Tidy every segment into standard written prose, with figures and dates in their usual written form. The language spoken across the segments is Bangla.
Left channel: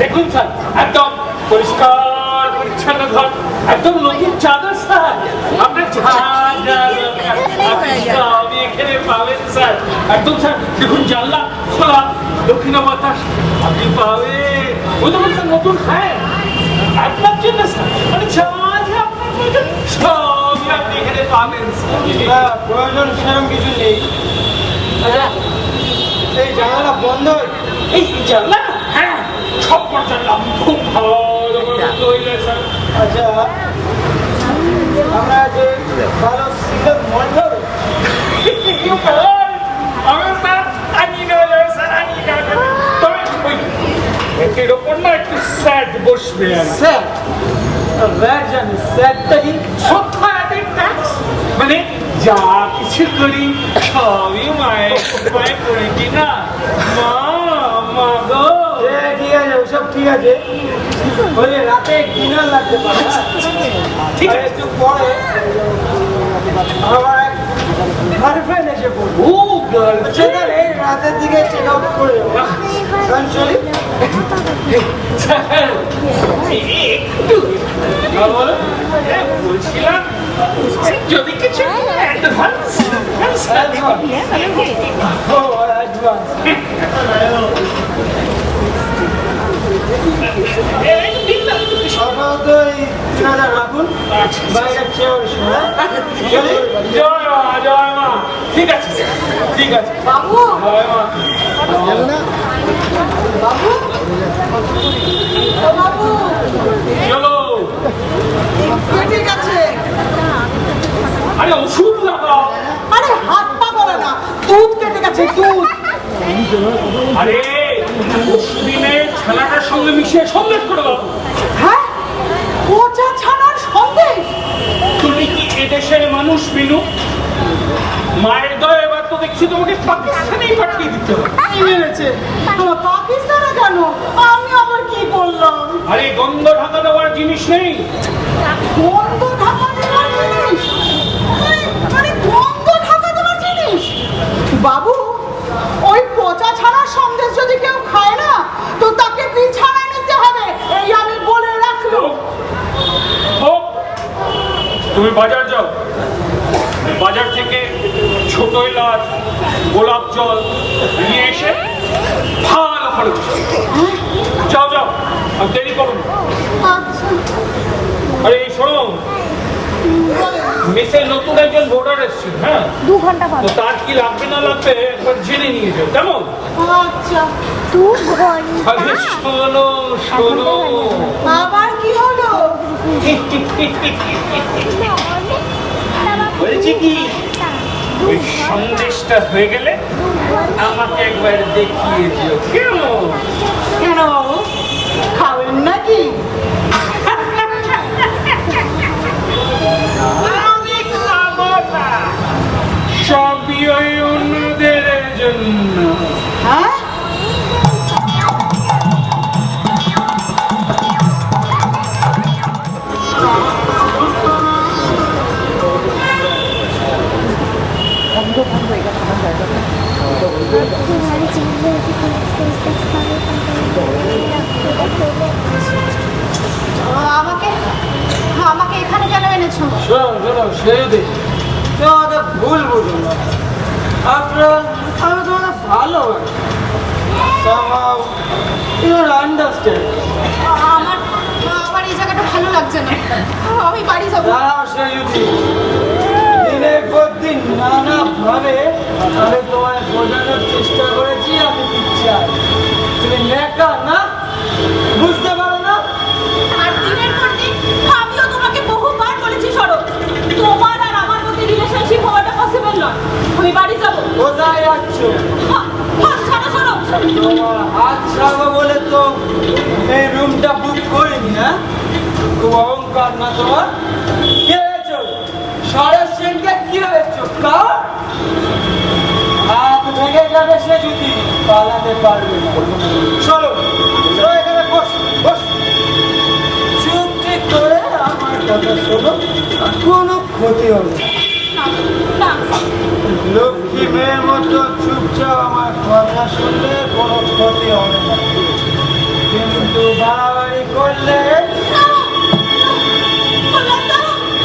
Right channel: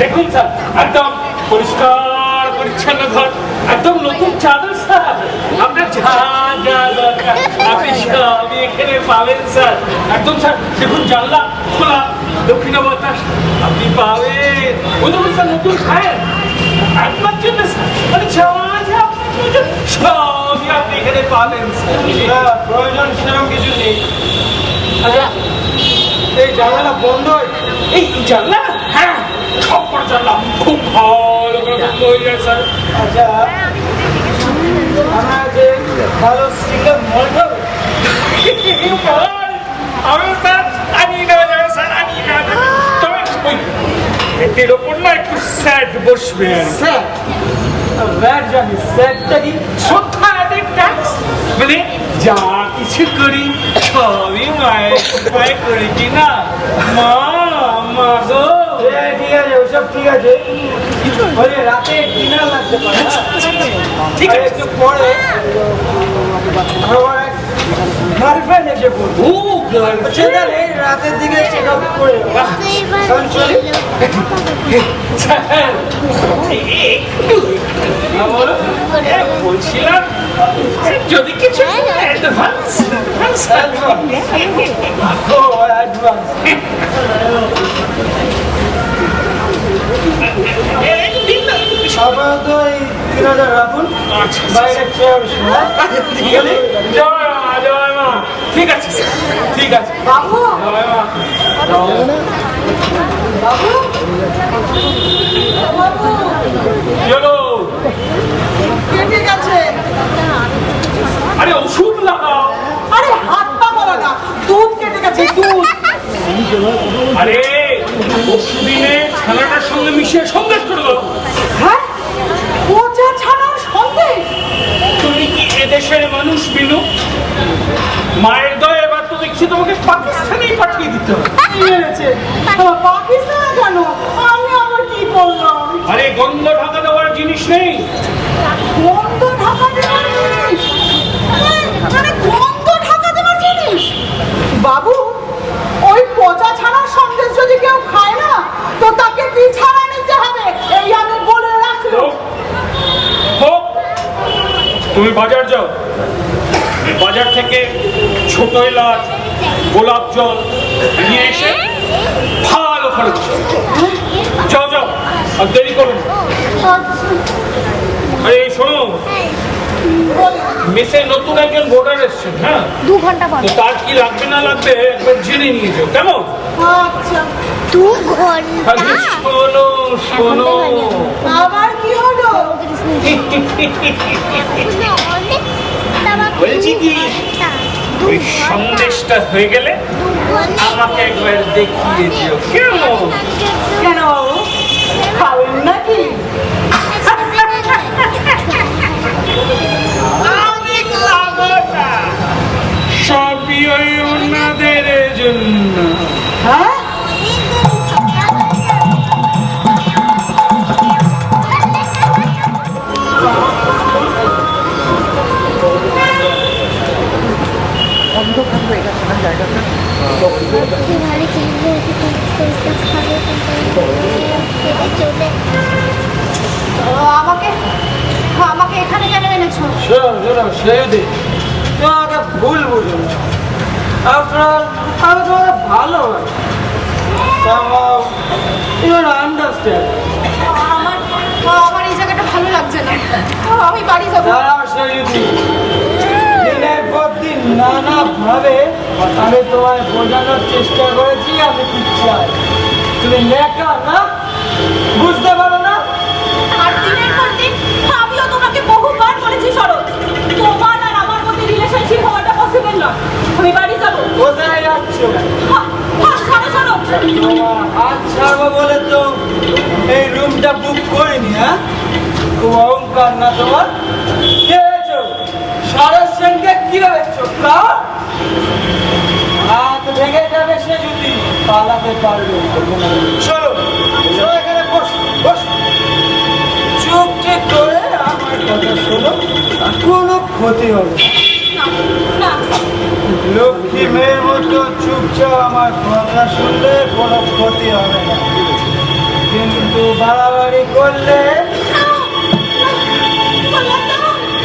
দেখুন স্যার, একদম পরিষ্কার পরিচ্ছন্ন ঘর, একদম নতুন চাদর স্যার। আপনার যা যা দরকার আপনি সবই এখানে পাবেন স্যার। একদম স্যার দেখুন, জানলা খোলা, দক্ষিণা বাতাস আপনি পাবেন। ওই দেখুন স্যার নতুন ফ্যান আপনার জন্য স্যার, মানে যা যা আপনার প্রয়োজন সবই আপনি এখানে পাবেন স্যার। প্রয়োজন সেরকম কিছু নেই। আচ্ছা, এই জানলাটা বন্ধ, এই জানলা, হ্যাঁ সব করে জানলা খুব ভালো করে বন্ধ হয়ে যায় স্যার। আচ্ছা আমরা যে ভালো সিঙ্গেল মল্ট হবে, আমি স্যার আনি না যাবে স্যার, আনি না যাবে, তবে ওই এর ওপর না একটু স্যাড বসবে আর কি। স্যার ব্যাট জানি, স্যারটা কি? মানে যা কিছু করি সবই মায়ের কৃপায় করি কিনা। মা মা গো, ঠিক আছে, ওসব ঠিক আছে। বলি রাতে ডিনার লাগতে পারে না? ঠিক আছে। একটু পরে আমার এক গার্লফ্রেন্ড এসে বলবো। ও গার্লফ্রেন্ড, আচ্ছা তাহলে এই রাতের দিকে চেক আউট করে কারণ চলি। স্যার একটু বলো। বলছিলাম যদি কিছু অ্যাডভান্স ও অ্যাডভান্স। আপাতত এই 3000 রাখুন, বাইরে চেয়ার সময়। ঠিক আছে স্যার, ঠিক আছে। বাবু জয় মা। বাবু বাবু চলো, ঠিক আছে। আরে ওষুধ লাগাও। আরে হাত পা বলো না, দুধ কেটে গেছে, দুধ। আরে ওষুধিনে ছানাটার সঙ্গে মিশিয়ে সন্দেশ করে দাও। হ্যাঁ, পচা ছানার সন্দেশ। তুমি কি এদেশের মানুষ বিনু? মায়ের দয়া, এবার তো দেখছি তোমাকে পাকিস্তানেই পাঠিয়ে দিতে হবে। কি হয়েছে? তোমার পাকিস্তানে কেন? আমি আবার কি করলাম? আরে গন্ধ ঢাকা দেওয়ার জিনিস নেই। গন্ধ ঢাকা দেওয়ার জিনিস? মানে গন্ধ ঢাকা দেওয়ার জিনিস? বাবু, ওই পচা ছানার সন্দেশ যদি কেউ খায় না, তো তাকে বিছানা নিতে হবে, এই আমি বলে রাখলাম। হোক, তুমি বাজার যাও, বাজার থেকে ছোট এলাচ, গোলাপ জল নিয়ে এসে ভালো করে দিও। যাও যাও, আর দেরি করুন। আরে এই শোনো, মেসে নতুন একজন ভোটার এসছেন, হ্যাঁ 2 ঘন্টা পর। তো তার কি লাগবে না লাগবে একবার জেনে নিয়ে যাও, কেমন? আচ্ছা, 2 ঘন্টা। আরে শোনো শোনো, আবার কি হলো? বলছি কি, ওই সন্দেশটা হয়ে গেলে আমাকে একবার দেখিয়ে দিও, কেমন? কেন বাবু, খাবেন নাকি? আমি খাবো না, সবই ওই ওনাদের জন্য। হ্যাঁ, আমাকে এখানে কেন এনেছো? শোনো শোনো সেদি, তোমাকে ভুল বুঝো না। আপনার আমি তোমাকে ভালো somehow you don't understand. আমার এই জায়গাটা ভালো লাগছে না, আমি বাড়ি যাবো। দাঁড়াও সেদি, দিনের পর দিন নানাভাবে আমি তোমায় বোঝানোর চেষ্টা করেছি আমি কি চাই। তুমি নেকা না, বুঝতে পারো না? আর দিনের পর দিন আমিও তোমাকে বহুবার বলেছি সরো, তোমার আর আমার মধ্যে রিলেশনশিপ হওয়াটা পসিবল নয়। আমি বাড়ি যাবো। কোথায় যাচ্ছ? ছাড়ো ছাড়ো। তোমার হাত ছাড়বো বলে তো এই রুমটা বুক করিনি। হ্যাঁ, খুব অহংকার না তোমার? কি হয়েছ? সারের সঙ্গে কি হয়েছ? হাত ভেঙে যাবে সে যদি পালাতে পারবে। চলো চলো, এখানে বস বস, চুপটি করে আমার কথা শোনো, কোনো ক্ষতি হবে না। না লক্ষ্মী ক্ষতি হবে না, কিন্তু বাড়াবাড়ি করলে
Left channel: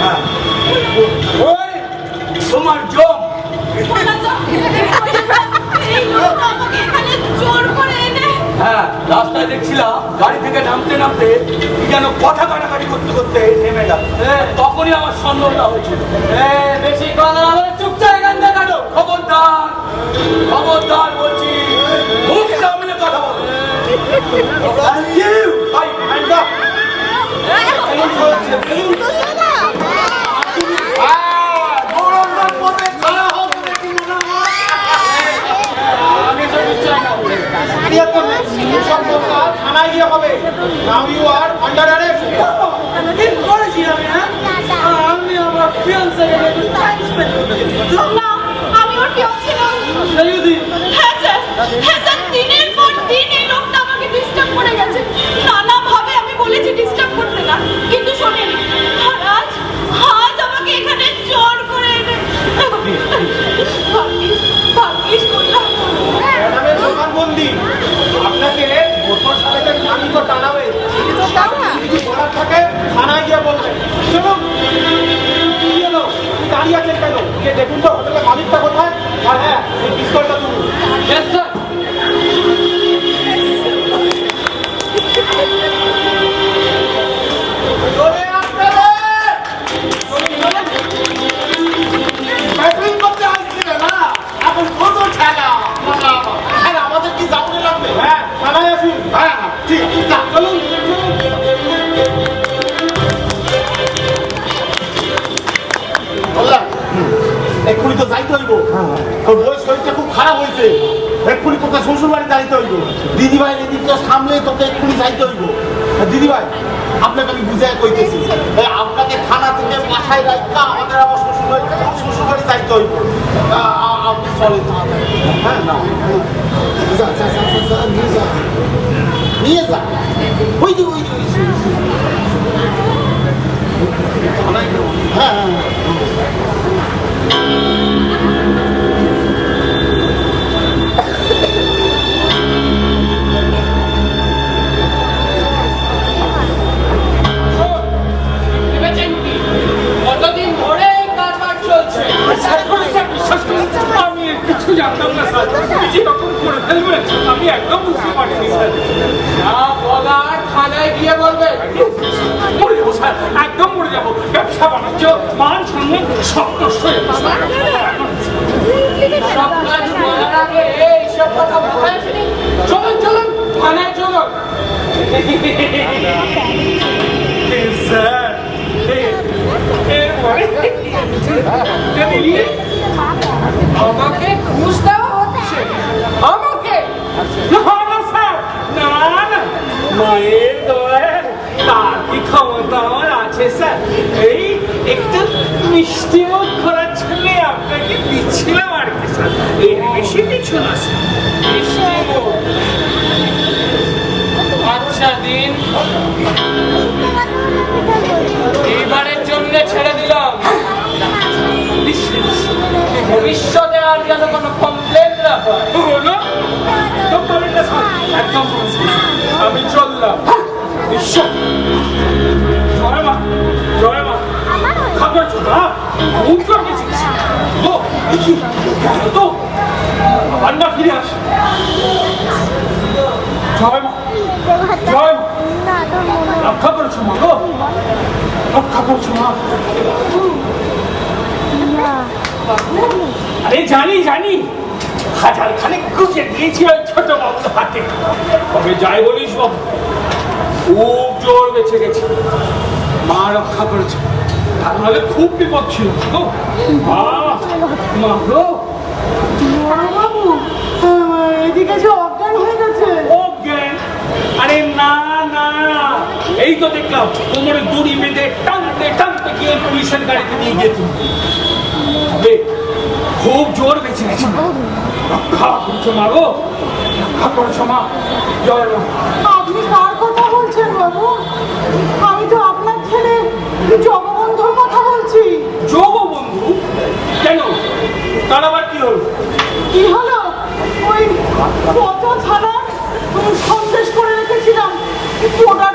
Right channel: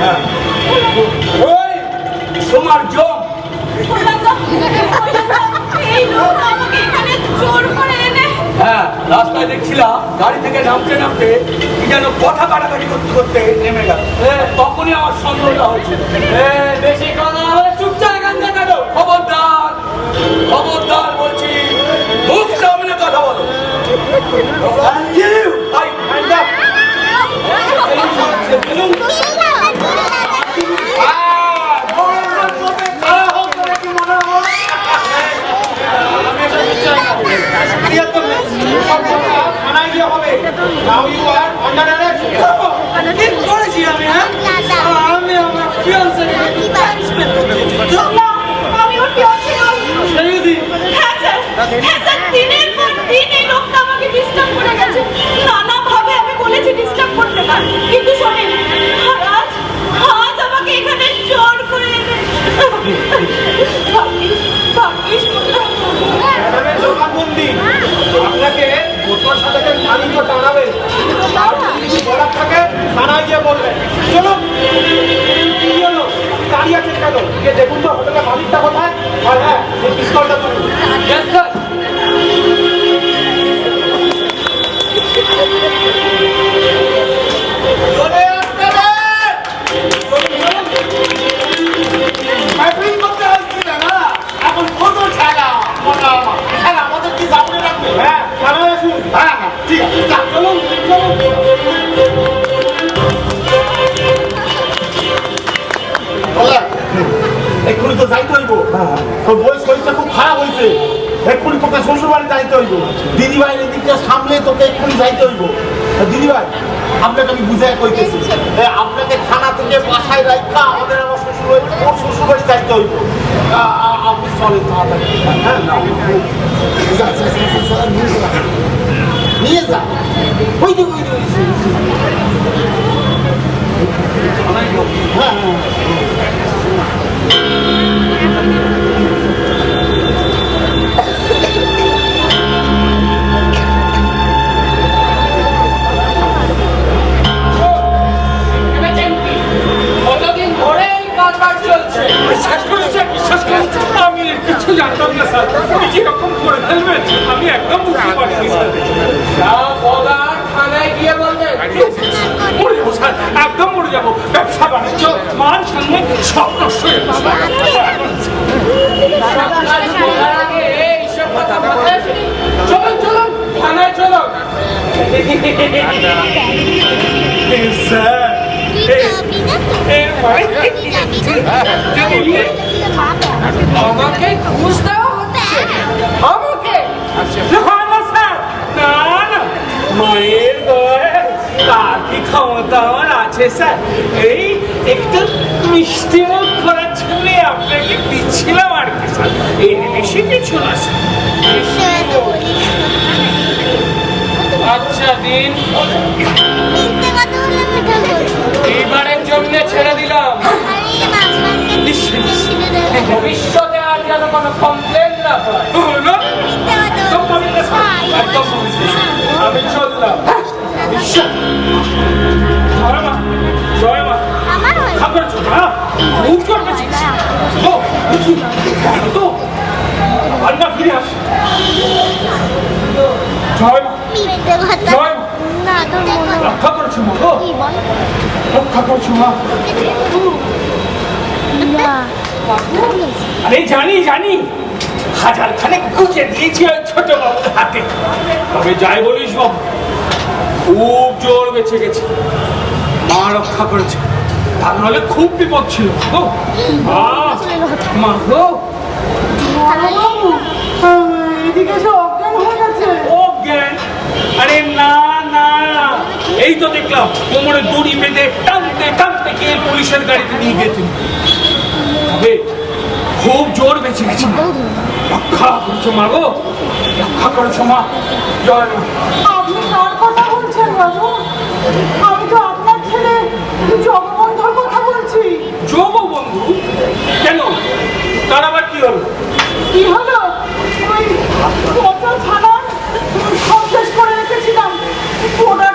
হ্যাঁ ওই তোমার জম হ্যাঁ রাস্তায় দেখছিলাম গাড়ি থেকে নামতে নামতে কি যেন কথা কাটাকাটি করতে করতে নেমে গেল, তখনই আমার সন্দেহটা হয়েছিল। বেশি কথা বলে চুপচাপ এখান থেকে কাটো। খবরদার খবরদার বলছি, মুখ সামনে কথা বলো। থানায় গিয়ে হবে। Now you are under arrest. কি করেছি আমি? হ্যাঁ, আমি আমার ফিয়ান্সেকে একটু টাইম স্পেন্ড করতে চেয়েছি। আমি ওর fiancé নই। সেই দিন হ্যাঁ স্যার, দিনের পর দিন এই লোকটা আমাকে ডিস্টার্ব করে গেছে। নানাভাবে আমি বলেছি ডিস্টার্ব করতে না, কিন্তু শোনেন, আজ আমাকে এখানে জোর করে এনে ভাগ্যিস কোথায়। ম্যাডামের জবানবন্দি। আপনাকে মোটর সাইকেল মালিকও টানাবে। যদি বলার থাকে থানায় গিয়ে বলবেন। চলুন। কি হলো? দাঁড়িয়ে আছেন কেন? গিয়ে দেখুন তো হোটেলের মালিকটা কোথায়। আর হ্যাঁ, এই পিস্তলটা তুলুন। Yes, sir. জোরে আসতে রে! মাইকিং করতে আসছিল না, এখন কত খেলা মজা আমার। খেলা আমাদের কি সামনে রাখবে? হ্যাঁ, থানায় আসুন। হ্যাঁ হ্যাঁ ঠিক আছে, না, চলুন চলুন। এক্ষুনি তো যাইতে হইব। তোর বয়স শরীরটা খুব খারাপ হয়েছে। এক্ষুনি তোকে শ্বশুর বাড়ি যাইতে হইব। দিদিভাই এদিকটা সামলে তোকে এক্ষুনি যাইতে হইব। দিদিভাই, আপনাকে আমি বুঝে কইতেছি, আপনাকে থানা থেকে বাসায় রাখা আমাদের আমার শ্বশুর বাড়ি ওর শ্বশুর বাড়ি যাইতে হইব। আপনি চলেন তাড়াতাড়ি। হ্যাঁ, না যা যা যা যা যা, নিয়ে যা নিয়ে যা। ওই যে ওই যে ওই যে। হ্যাঁ হ্যাঁ কতদিন ধরে এই কারবার চলছে? বিশ্বাস করুন স্যার, বিশ্বাস করুন, আমি এর কিছু জানতাম না স্যার। উনি যেরকম করে ফেলবেন আমি একদম বুঝতে পারিনি স্যার। যা বলার থানায় গিয়ে বলবেন। মরে যাবো স্যার, একদম মরে যাবো। ব্যবসা বাণিজ্য মান সম্মান সব নষ্ট হয়ে যাবে। সব কাজ করার আগে এইসব কথা মাথায় আসেনি। চলুন চলুন থানায় চলুন। স্যার আমাকে ঘুষ দেওয়া হচ্ছে? আমাকে? না না, মায়ের দয়ায় তার কি ক্ষমতা আমার আছে স্যার? এই একটু মিষ্টি মুখ করার জন্য আপনাকে দিচ্ছিলাম আর কি স্যার, এর বেশি কিছু না স্যার। আচ্ছা দিন, এইবারের জন্য ছেড়ে দিলাম। ভবিষ্যতে আর যেন কোনো কমপ্লেন না হয়। একদম আমি চললাম। জয় মা, জয় মা। খাবার ছোটা খুব করবেছিস তো আন্না ফিরে আস। জয় মা, জয় মা। রক্ষা করেছো মা গো, রক্ষা করেছো মা। আরে জানি জানি, হাজার খানেক গুজে দিয়েছি ওই ছোট বাবুর হাতে। তবে যাই বলিস বাবু, খুব জোর বেঁচে গেছে, মা রক্ষা করেছে। তার নাহলে খুব বিপদ ছিল তো। মা গো, এদিকে যে অজ্ঞান হয়ে গেছে। অজ্ঞান? আরে না না, এই তো দেখলাম কোমরে দড়ি বেঁধে টানতে টানতে গিয়ে পুলিশের গাড়িতে নিয়ে গিয়েছিল। তবে খুব জোর বেঁচে গেছে। রক্ষা করেছো মা গো, রক্ষা করেছো মা। জয় মা। আপনি কার কথা বলছেন বাবু? আমি তো আপনার ছেলে জগবন্ধুর কথা বলছি। জগবন্ধু? কেন, তার আবার কি হলো? কি হলো? ওই কত থানা গোটা